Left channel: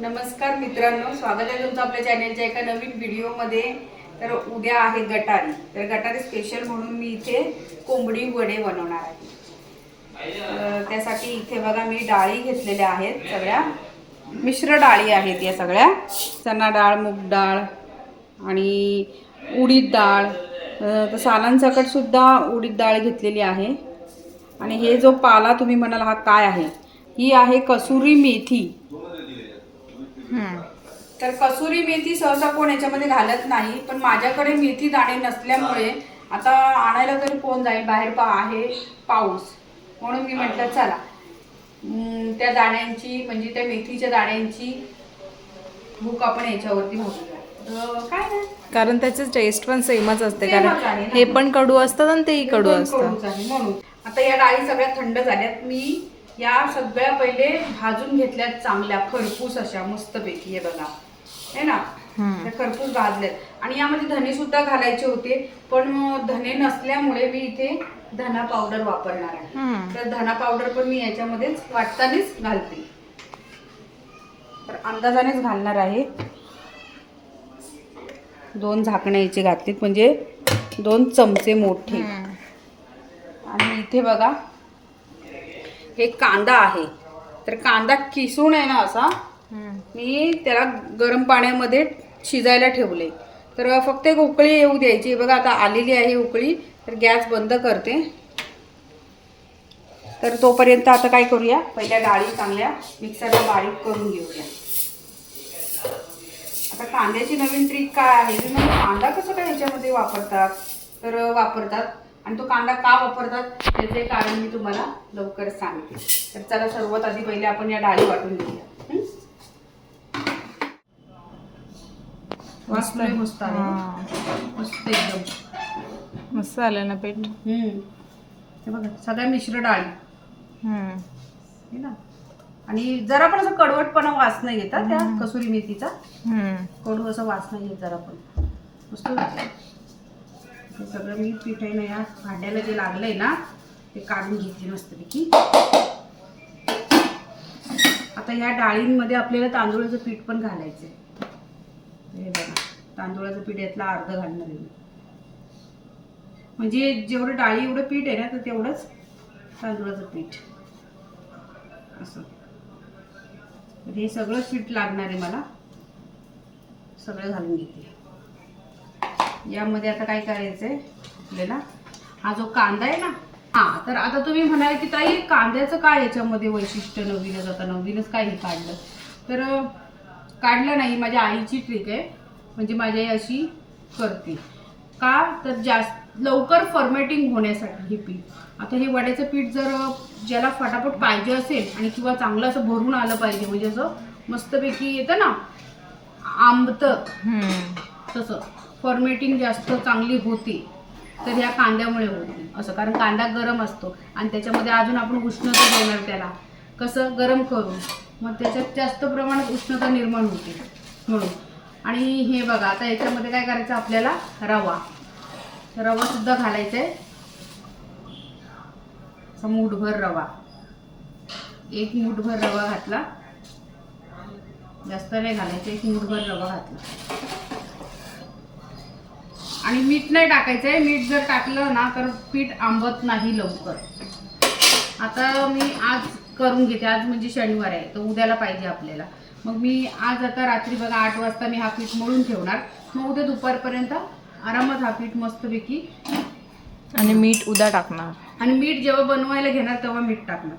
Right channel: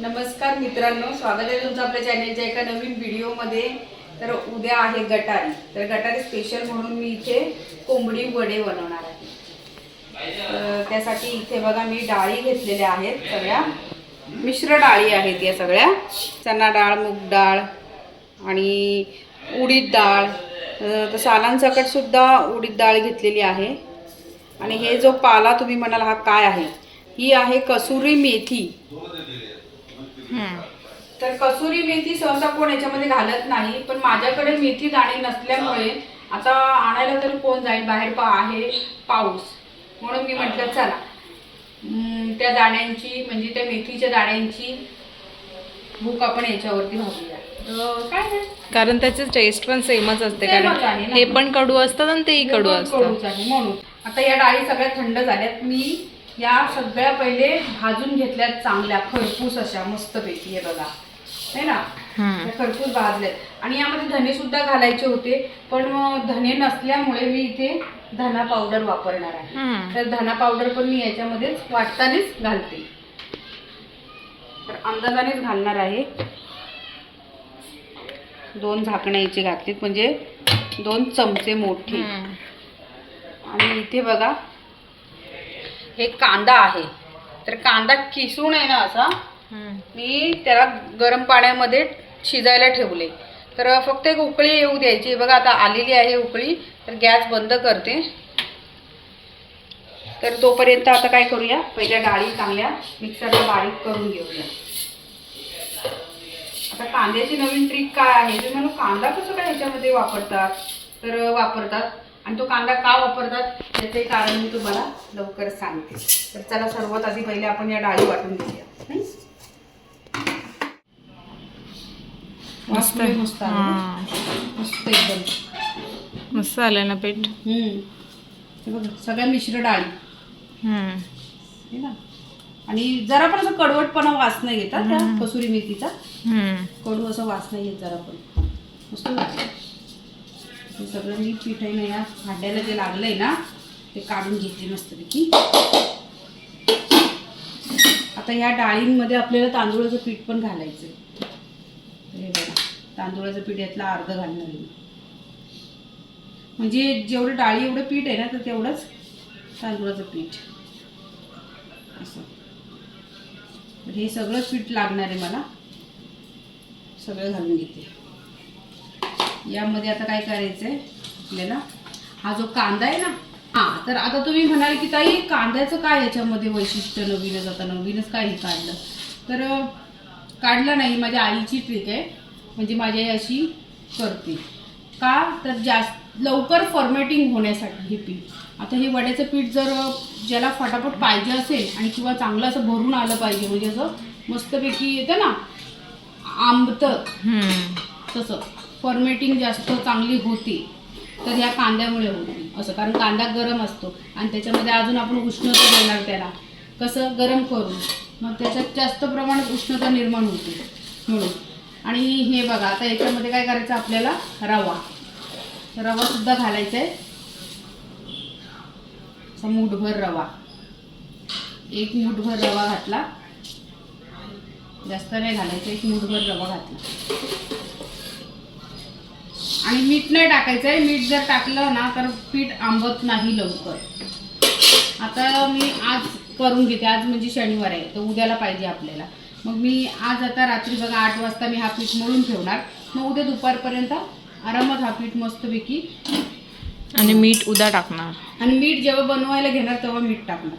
नमस्कार मित्रांनो, स्वागत आहे तुमचं आपल्या चॅनलच्या एका नवीन व्हिडिओमध्ये। तर उद्या आहे गटारी, तर गटारी स्पेशल म्हणून मी इथे कोंबडी वडे बनवणार आहे। त्यासाठी इथे बघा मी डाळी घेतलेल्या आहेत, सगळ्या मिश्र डाळी आहेत या सगळ्या, चना डाळ, मूग डाळ आणि उडीद डाळ। तर सालांसकट सुद्धा उडीद डाळ घेतलेली आहे। आणि हे जो पाला तुम्ही म्हणाल हा काय आहे, ही आहे कसुरी मेथी। तर कसुरी मेथी सहसा कोण याच्यामध्ये घालत नाही, पण माझ्याकडे मेथी दाणे नसल्यामुळे आता आणायला तरी कोण जाईल, बाहेर आहे पाऊस, म्हणून मी म्हटलं चला त्या दाण्यांची म्हणजे त्या मेथीच्या दाण्यांची भूक आपण याच्यावरती भागूया। काय नाही, कारण त्याची टेस्ट पण सेमच असते, कारण हे पण कडू असतात आणि तेही कडू असतात म्हणून। आता या डाळी सगळ्या थंड झाल्यात, मी या सगळ्या पहिले भाजून घेतल्यात चांगल्या खरपूस अशा मस्तपैकी, हे बघा है ना, खरपूस भाजल्यात। आणि यामध्ये धने सुद्धा घालायचे होते, पण धने नसल्यामुळे मी इथे धना पावडर वापरणार आहे। तर धना पावडर पण मी याच्यामध्येच वाटतानाच घालते, तर अंदाजानेच घालणार आहे। 2 झाकण्याचे घातलीत, म्हणजे 2 चमचे मोठे। आणि इथे बघा हे कांदा आहे, तर कांदा किसून आहे ना असा मी त्याला गरम पाण्यामध्ये शिजायला ठेवले। तर फक्त एक उकळी येऊ द्यायची। बघा आता आलेली आहे उकळी, तर गॅस बंद करते। तर तोपर्यंत आता काय करूया, पहिल्या डाळी चांगल्या मिक्सरला बारीक करून घेऊया। आता कांद्याची नवीन ट्रिक काय आहे, ते म्हणजे कांदा कसं काय ह्याच्यामध्ये वापरतात, तर वापरतात, आणि तो कांदा का वापरतात त्याचे कारण मी तुम्हाला लवकरच सांगते। तर चला सर्वात आधी पहिले आपण या डाळी वाटून घेऊया। मस्त मस्त मस्त एकदम मस्त आलं ना पीठ। हे बघा सगळ्या मिश्र डाळी है ना, आणि जरा पण असं कडवटपणा वास नाही येतात त्या कसुरी मेथीचा, कडू असं वास नाही येत जरा पण, मस्त लागतं। हे सगळं मी पीठ आहे ना या भांड्याला जे लागलंय ना ते काढून घेतली मस्तपैकी। आता ह्या डाळींमध्ये आपल्याला तांदूळाचं पीठ पण घालायचंय। हे बघा तांदूळाचं पीठ यातलं अर्ध घालणार आहे, म्हणजे जेवढं डाळी एवढं पीठ आहे ना, तर तेवढंच तांदूळाचं पीठ असं। हे सगळं पीठ लागणार आहे मला, सगळं घालून घेते। यामध्ये आता काय करायचंय आपल्याला, हा जो कांदा आहे ना, तर आता तुम्ही म्हणाल की ताई कांद्याचं काय याच्यामध्ये वैशिष्ट्य, नवीनच आता नवीनच काही काढलं, तर काढलं नाही, माझ्या आईची ट्रिक आहे, म्हणजे माझी आई अशी करते का, तर जास्त लवकर फॉर्मेटिंग होण्यासाठी हे पीठ। आता हे वड्याचं पीठ जर ज्याला फटाफट पाहिजे असेल आणि किंवा चांगलं असं भरून आलं पाहिजे, म्हणजे असं मस्तपैकी येतं ना आंबतं, तसं फॉर्मेटिंग जास्त चांगली होती तर ह्या कांद्यामुळे होती असं, कारण कांदा गरम असतो आणि त्याच्यामध्ये अजून आपण उष्णता देणार त्याला, कसं गरम करून, मग त्याच्यात जास्त प्रमाणात उष्णता निर्माण होते म्हणून। आणि हे बघा आता याच्यामध्ये काय करायचं आपल्याला, रवा सुद्धा घालायचा आहे, असा मूठभर रवा, 1 मूठभर रवा घातला, जास्त नाही घालायचं, 1 मूठभर रवा घातला। आणि मीठ नाही टाकायचं आहे, मीठ जर टाकलं ना तर पीठ आंबत नाही लवकर। आता मी आज करून घेते, आज म्हणजे शनिवार आहे, तर उद्याला पाहिजे आपल्याला, मग मी आज आता रात्री बघा 8 वाजता मी हा पीठ मळून ठेवणार, मग उद्या दुपारपर्यंत आरामात हा पीठ मस्तपैकी, आणि मीठ उद्या टाकणार, आणि मीठ जेव्हा बनवायला घेणार तेव्हा मीठ टाकणार।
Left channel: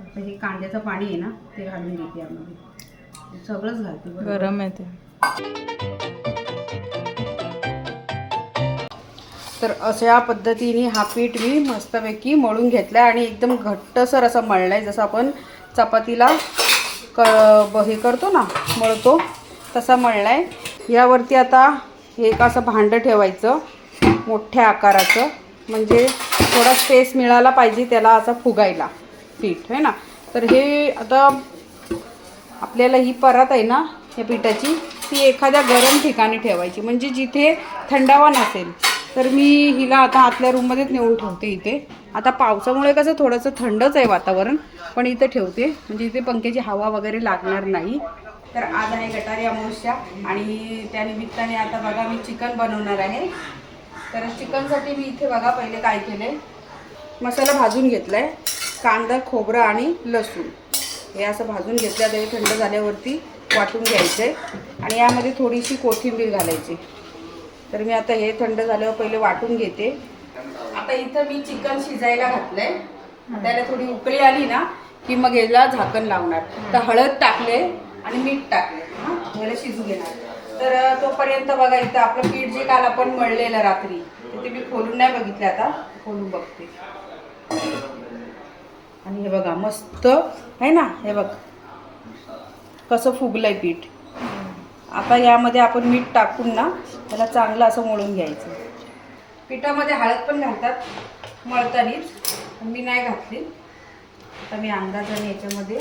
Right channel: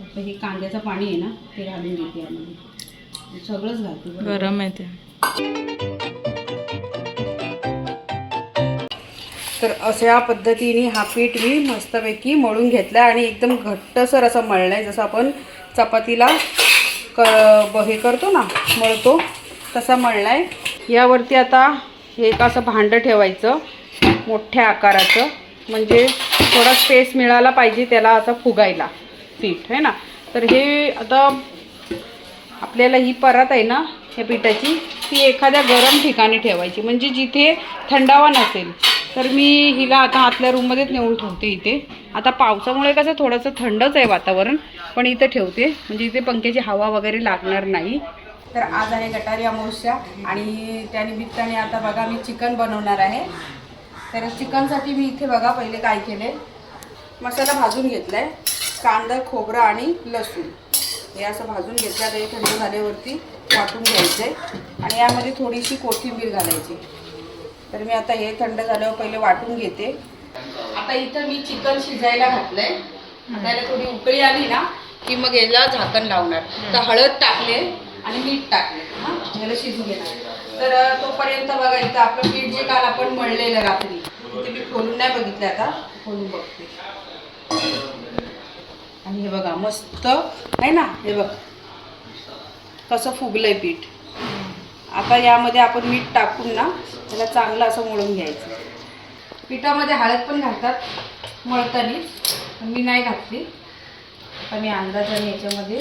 आता हे कांद्याचं पाणी आहे ना ते घालून घेते यामध्ये, सगळंच घालते, गरम आहे ते। तर अशा पद्धतीने हा पीठ मी मस्तपैकी मळून घेतला आणि एकदम घट्टसर असं मळलं आहे, जसं आपण चपातीला हे करतो ना, मळतो तसा मळला आहे। यावरती आता हे एक असं भांडं ठेवायचं मोठ्या आकाराचं, म्हणजे थोडा स्पेस मिळाला पाहिजे त्याला असं फुगायला पीठ है ना। तर हे आता आपल्याला ही परात आहे ना या पिठाची, ती एखाद्या गरम ठिकाणी ठेवायची, म्हणजे जिथे थंडावा नसेल। तर मी हिला आता आतल्या रूममध्येच नेऊन ठेवते इथे। आता पावसामुळे कसं थोडंसं थंडच आहे वातावरण, झाकण इथं ठेवते, म्हणजे इथे पंख्याची हवा वगैरे लागणार नाही. तर आज आहे गटारी अमावस्या आणि त्यानिमित्ताने आता बघा मी चिकन बनवणार आहे. तर चिकनसाठी मी इथे बघा पहिले काय केले, मसाला भाजून घेतला आहे. कांदा, खोबरं आणि लसूण हे असं भाजून घेतलं. तर हे थंड झाल्यावरती वाटून घ्यायचं आहे आणि यामध्ये थोडीशी कोथिंबीर घालायची. तर मी आता हे थंड झाल्यावर पहिले वाटून घेते. आता इथं मी चिकन शिजायला घातलंय. त्याला थोडी उकळी आली ना की मग याला झाकण लावणार. तर हळद टाकले आणि मीठ टाकले, हां याला शिजू घेणार. तर तोपर्यंत बघा इथं आपलं पीठ जे काल आपण मळलेलं रात्री ते मी खोलून नाही बघितले, आता खोलून बघते. आणि हे बघा मस्त आहे ना, हे बघ कसं फुगलंय पीठ. आता यामध्ये आपण मीठ टाकून ना त्याला चांगलं असं मळून घ्यायचं. पिठामध्ये हळद पण घालतात मळतानीच, मी नाही घातली. आता मी अंदाजाने याच्यामध्ये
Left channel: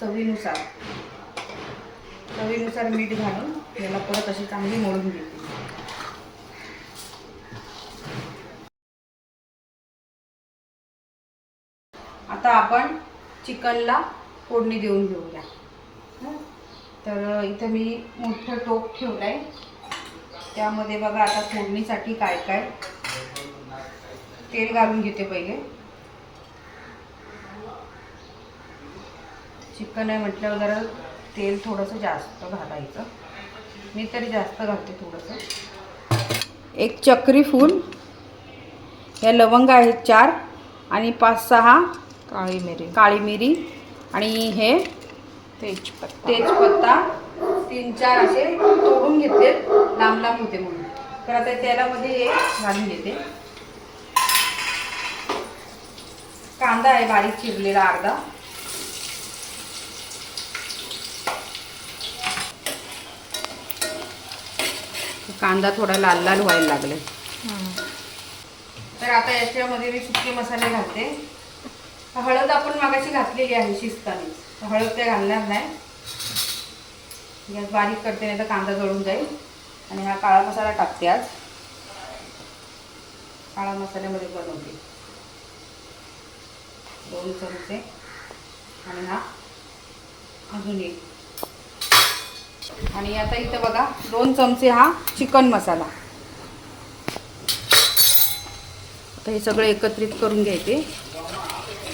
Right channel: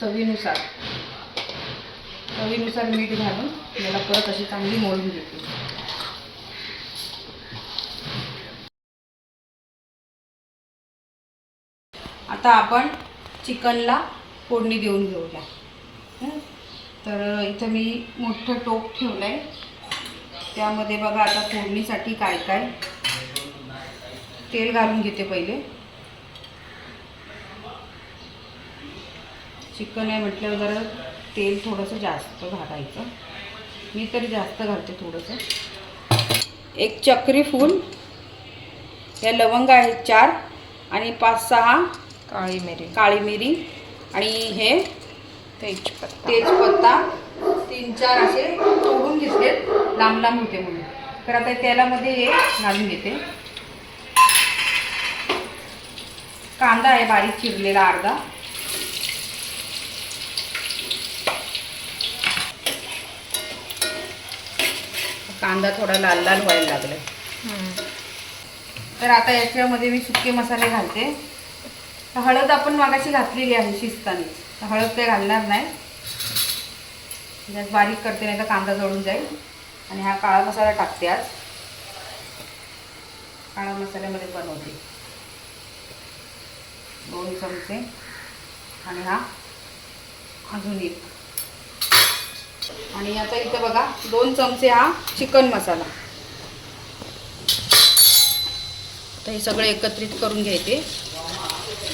चवीनुसार मीठ घालून याला परत अशी चांगली मळून घेते. आता आपण चिकनला फोडणी देऊन घेऊया. तर इथं मी मोठं टोप ठेवलं आहे. त्यामध्ये बघा आता फोडणीसाठी काय काय तेल घालून घेते. पहिले चिकन आहे म्हटल्यावर जरा तेल थोडंसं जास्त घालायचं. मी तरी जास्त घालते थोडंसं. एक चक्री फूल, या लवंग आहेत 4 आणि 5-6 काळी मिरी आणि हे तेजपत्ता 3-4 असे तोडून घेतलेत, लांब लांब होते म्हणून. तर आता तेलामध्ये हे घालून घेते. कांदा आहे बारीक चिरलेला अर्धा. कांदा थोडा लाल लाल व्हायला लागला. तर आता याच्यामध्ये मी सुके मसाले घालते. हळद आपण मागाशी घातलेली आहे शिजताना, तर हळद ते घालणार नाही. गॅस बारीक करते नाही तर कांदा जळून जाईल. आणि हा काळा मसाला टाकते. आज काळा मसाल्यामध्ये बनवते 2 चमचे आणि हा अजून 1. आणि आता इथं बघा 2 चमचे हा चिकन मसाला. तर हे सगळं एकत्रित करून घ्यायचे.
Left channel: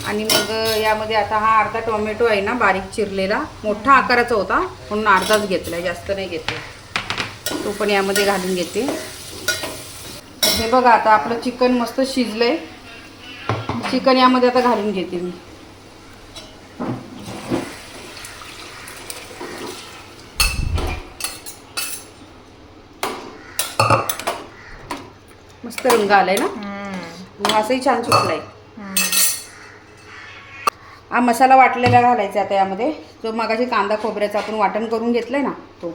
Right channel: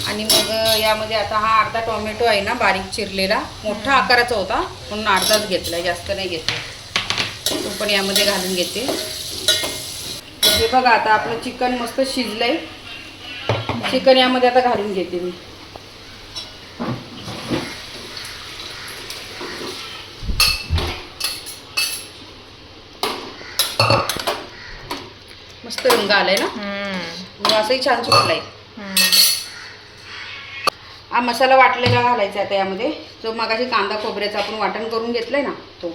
आणि मग यामध्ये आता हा अर्धा टोमॅटो आहे ना बारीक चिरलेला, मोठा आकाराचा होता म्हणून अर्धाच घेतला, जास्त नाही घेतला. तो पण यामध्ये घालून घेते. हे बघा आता आपलं चिकन मस्त शिजलंय. चिकन यामध्ये आता घालून घेते मी. मस्त रंग आलाय ना, वासही छान सुटलाय. हा मसाला वाटलेला घालायचा आता यामध्ये. जो मगाशी कांदा खोबऱ्याचं आपण वाटण करून घेतलंय ना तो.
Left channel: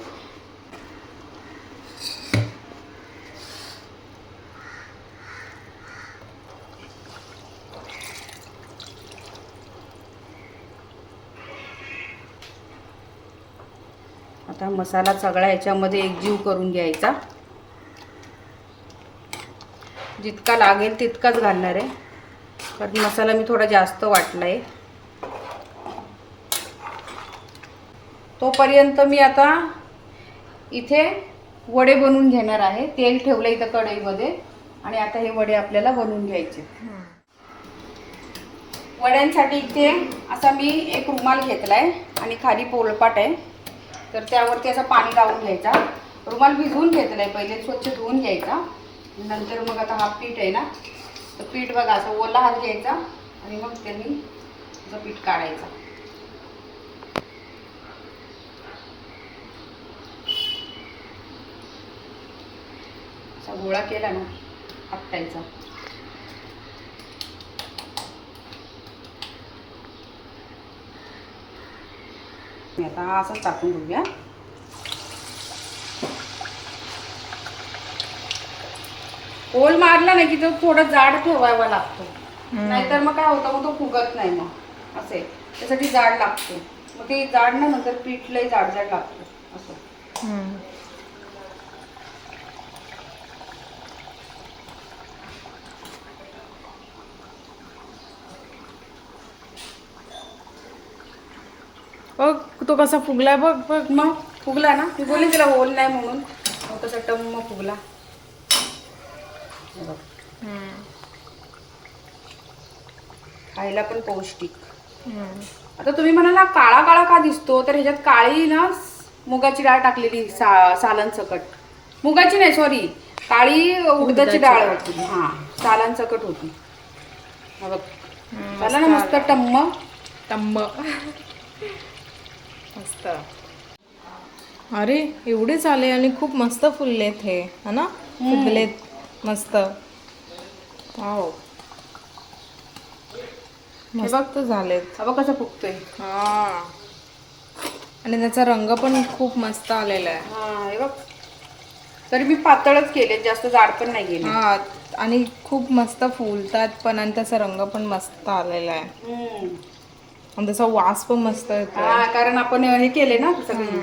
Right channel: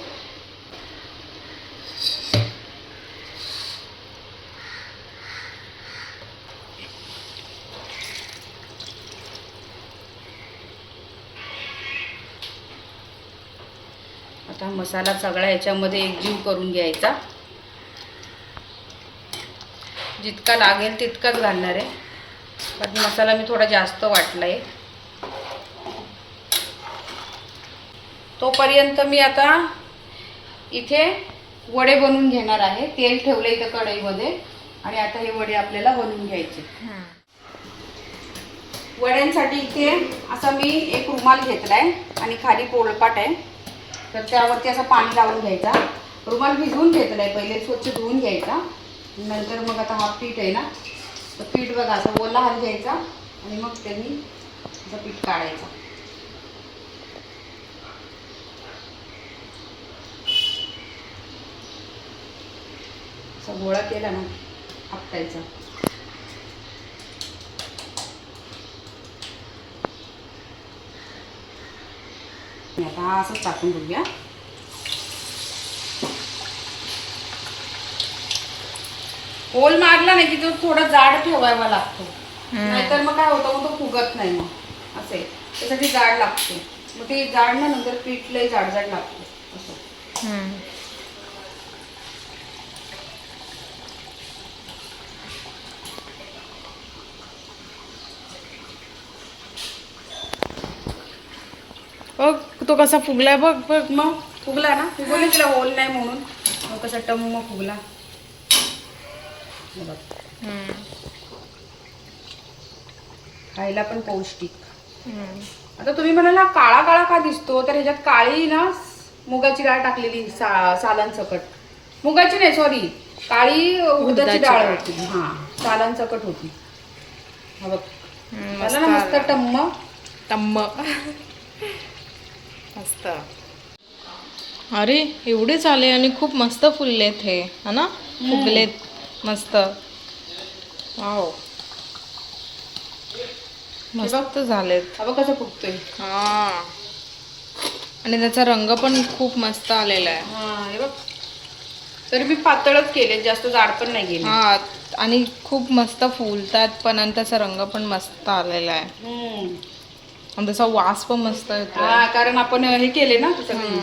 आता मसाला सगळा याच्यामध्ये एकजीव करून घ्यायचा. जितका लागेल तितकाच घालणार आहे, पण मसाला मी थोडा जास्त वाटला आहे. तोपर्यंत मी आता इथे वडे बनवून घेणार आहे. तेल ठेवलं इथं कढईमध्ये आणि आता हे वडे आपल्याला बनवून घ्यायचे. वड्यांसाठी इथे असा मी एक रुमाल घेतलाय आणि खाली पोळपाट आहे. तर त्यावरती असं पाणी लावून घ्यायचा. रुमाल भिजवून घेतलाय, पहिले स्वच्छ धुवून घ्यायचा. नंतर मग आता हा पीठ आहे ना, तर पीठ बघा असं ओला हात घ्यायचा आणि मग त्यांनी असं पीठ काढायचं. असा गोळा केला ना आपटायचा. आता हा असंच टाकून घेऊया. ओल मारला नाही की तो थोडा जाड ठेवायला लागतो, नाहीतर मग काय होतं मग तो फुगत नाही. मग असे त्यासाठी जाड लागते. मग ते जाड ना नंतर पीठ लई जाड जाड लागतं असं. बघ तो कसा फुगलाय बघ बघ. मग फुगला ना, मी बोलले तिला होल नाही म्हणून. मग कसा टम्म फुगला. हे बघ. खायला पण पौष्टिक. आता तुम्ही म्हणाल ना काळा काळा का दिसतो, तर ह्याच्यात काळी ना मुगाची डाळ टाकलेली सालन सकट. मुगाची नाही सॉरी, काळी उडदाची डाळ होती. हा सालन सकट होती. हे बघ झालं ना मस्त टम्म टम्म मस्त. अरे एवढेच आले आणि खूप मस्त फुललेत हे, है ना? फुगलेत मस्त. वाव मस्त झालेत. हा बघ कसं फुगतोय. हा आणि त्याचा रंग पण खूप मस्त आलेला आहे. हा हे बघ, तरी मी पातळच केले, जास्त जाड पण नाही केले. हा आणि खूप मस्त फुलतात पण, आणि त्याचा रंग पण मस्त आलेला आहे. आणि त्याचा वास पण मस्त येतो. हा कारण आपण हे केले ना सगळी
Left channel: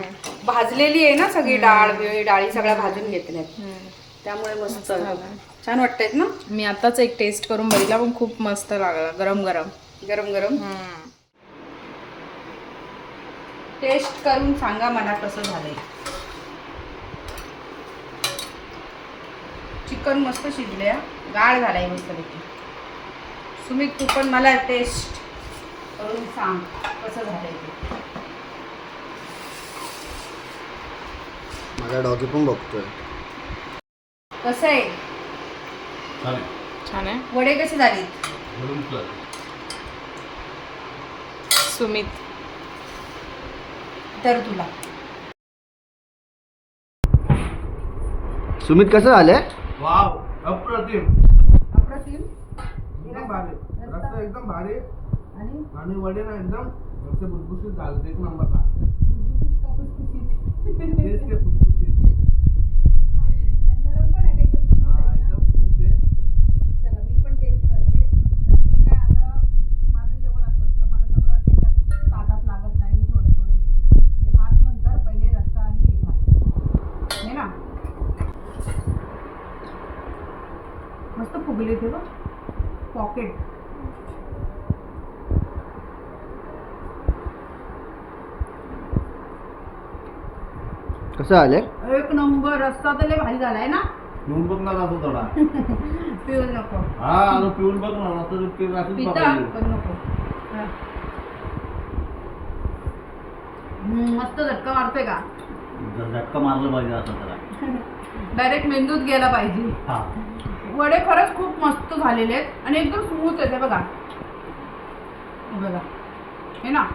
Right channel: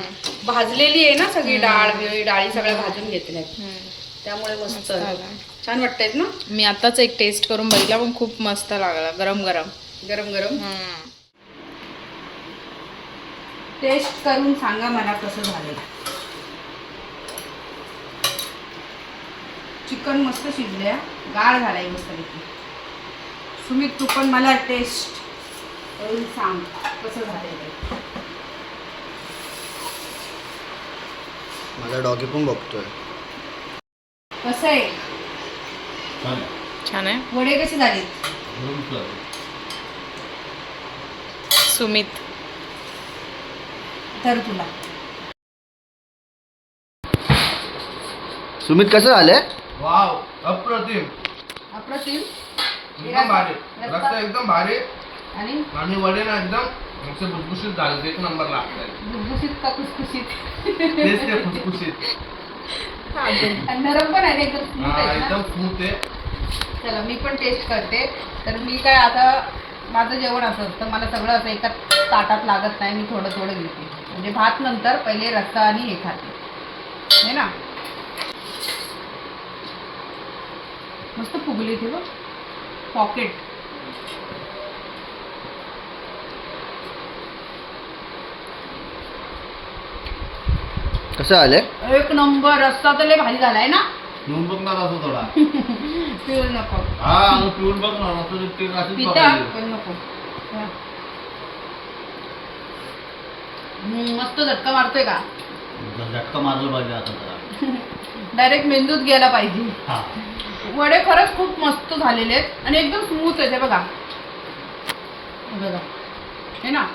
भाजलेली आहे ना, सगळी डाळी सगळ्या भाजून घेतल्या, त्यामुळे मस्त छान वाटतायत ना. मी आताच एक टेस्ट करून बघितला पण खूप मस्त लागला. गरम गरम गरम गरम. टेस्ट करून सांगा मला कसं झालंय. चिकन मस्त शिजले, गाळ झालाय मस्तपैकी. सुमित तू पण मला टेस्ट करून सांग कसं झालंय ते. माझा डॉगी पण बघतोय कसं आहे. छान आहे. वडे कसे झाले. सुमित तर तुला सुमित कसं झालंय. वाव अप्रतिम अप्रतिम. एकदम भारी, रस्ता एकदम भारी आणि आणि वडे ना एकदम असे भुसभुशीत झाले, एक नंबर लागतात. खुसखुशीत का खुसखुशीत. तेच ते फुसफुशीत. आणि नरम पण आहे एकदम smooth हा आहेत ना. एकदम स्मूथ आहे. चला मी पण टेस्ट करते. तर मी काय आता माझं जेवण असं असतं, मला सगळं असं एका ताटात लागत नाही, मी थोडं थोडं घेते. म्हणजे भात नंतर पहिले रस्सा आणि हे खाते हे ना. मस्त फुगली ते बघ पॉकेट. कसं आलंय. एक नंबर. रस्सा तर लय भारी झालाय ना. पिऊन बघ ना असं थोडा. पिऊ नको. हा आणि पिऊन बघ ना असं ते असंच पिता बघायचं. पण नको. हा. मस्त झटका मारतोय का. झटका मारलं पाहिजे आता जरा. डायरेक्ट मेंदूत गेला पाहिजे. हा वडे खरंच खूप मस्त झालेले आहेत आणि एकदम स्मूथ आहे. बघा बघा हे ना.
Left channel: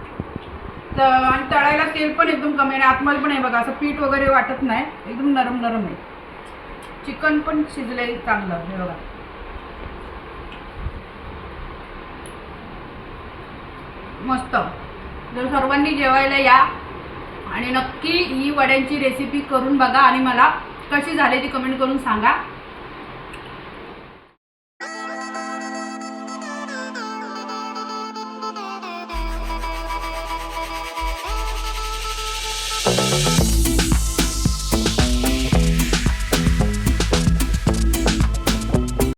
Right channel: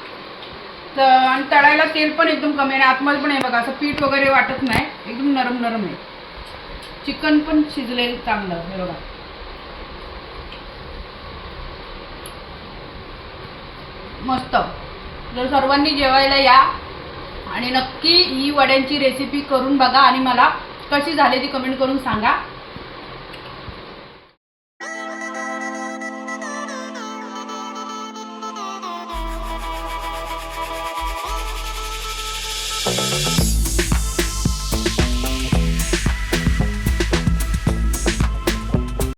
आणि तळायला तेल पण एकदम कमी आहे. आतमध्ये पण आहे बघा, असं पीठ वगैरे वाटत नाही, एकदम नरम नरम आहे. चिकन पण शिजले चांगलं हे बघा. मस्त. जर सर्वांनी जेवायला या आणि नक्की ही वड्यांची रेसिपी करून बघा आणि मला कशी झाली ती कमेंट करून सांगा. Thank you.